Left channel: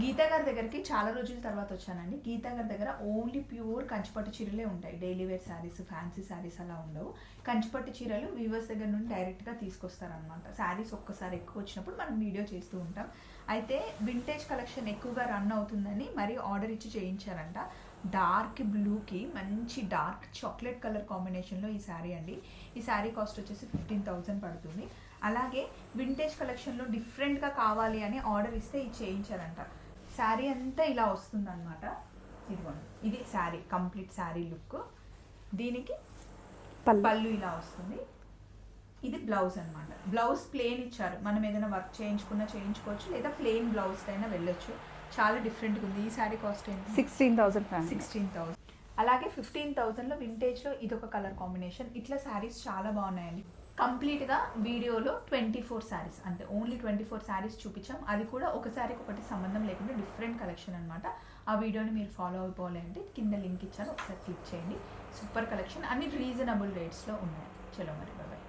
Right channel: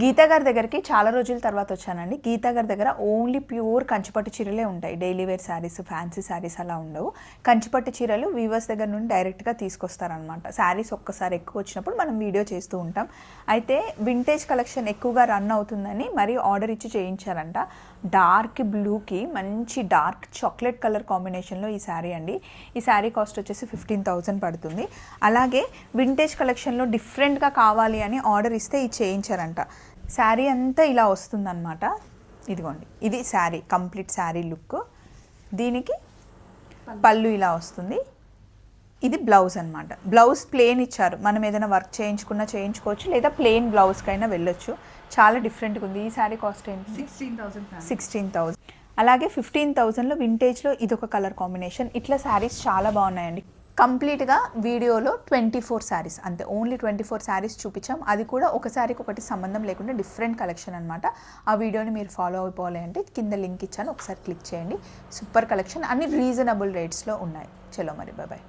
గీతా గారి దగ్గరికి చాలా రోజుల తర్వాత వచ్చానండి. గీతా గారి దగ్గర ఓన్లీ ప్యూర్ కంచిపట్టు చీరలే ఉంటాయి. Daily wear saris fancy saris అలా ఉండవు. కంచిపట్టు చీరలు వీవర్స్ దగ్గర నుండి డైరెక్ట్గా తీసుకొస్తారనమాట శారీస్ ఒక్కసారి ఎక్కువ వచ్చినప్పుడు మనం వీడియో చేస్తూ ఉంటాం. అయితే వింటేజ్ కలెక్షన్ ఎక్కువగా రన్ అవుతుందని మరి ఆర్డర్ ఇచ్చి చేయించారంట. డార్క్ బ్లూకి మంచి డార్క్ చాక్లెట్ కలర్ కాంబినేషన్లో ఈ శారీ అండి. ఈ శారీ కాస్ట్ వచ్చేసి ఫిఫ్టీన్ థౌజండ్ పడుతుంది. అలాగే వింటేజ్ కలెక్షన్లో డిఫరెంట్గా కావాలి అని ఆర్డర్ ఇస్తే ఇది చేయించారంట. శారీ అంతా ఇలా వస్తుందన్నమాట. ఇదిగోండి. ఇది శారీ కంప్లీట్ శారీ లుక్. దీనికి పళ్ళు. ఇలా వస్తుంది. ఇది బ్లౌజ్ అన్నమాట. బ్లౌజ్ ప్లేన్ ఇచ్చారు. మనం ఏదైనా వర్క్ చేయించుకున్నా చేయించుకోవచ్చు లేదా ప్లేన్ బ్లౌజ్కైనా వెళ్ళొచ్చు. చాలా డిఫరెంట్గా ఉంది. ఈ శారీ కాస్ట్ ఏంటి? సిక్స్టీన్ థౌసండ్ సిక్స్టీన్ థౌజండ్ అలాగే ఫిఫ్టీన్ థౌజండ్లో వింటేజ్లో ఇదొక కలర్ కాంబినేషన్. ఇట్లా శారీస్ చాలా బాగున్నాయండి. కంప్లీట్గా వీడియోలో ట్వంటీ ఫోర్ శారీస్ అంతే ఓన్లీ ట్వంటీ ఫోర్ శారీస్ చూపించాం. అది కూడా ఒకసారికి ఒకటి సంబంధం లేకుండా డిఫరెంట్ కలెక్షన్ అనమాట ఆ వీడియోని మీరు ఫాలో అయిపోవాలి అంటే కింద లింక్ ఇచ్చాను ఒకసారి క్లిక్ చేయండి. సూపర్ కలెక్షన్ అన్ని రీజనబుల్ రేట్స్లో ఉన్నాయి. చలో మరి బాయ్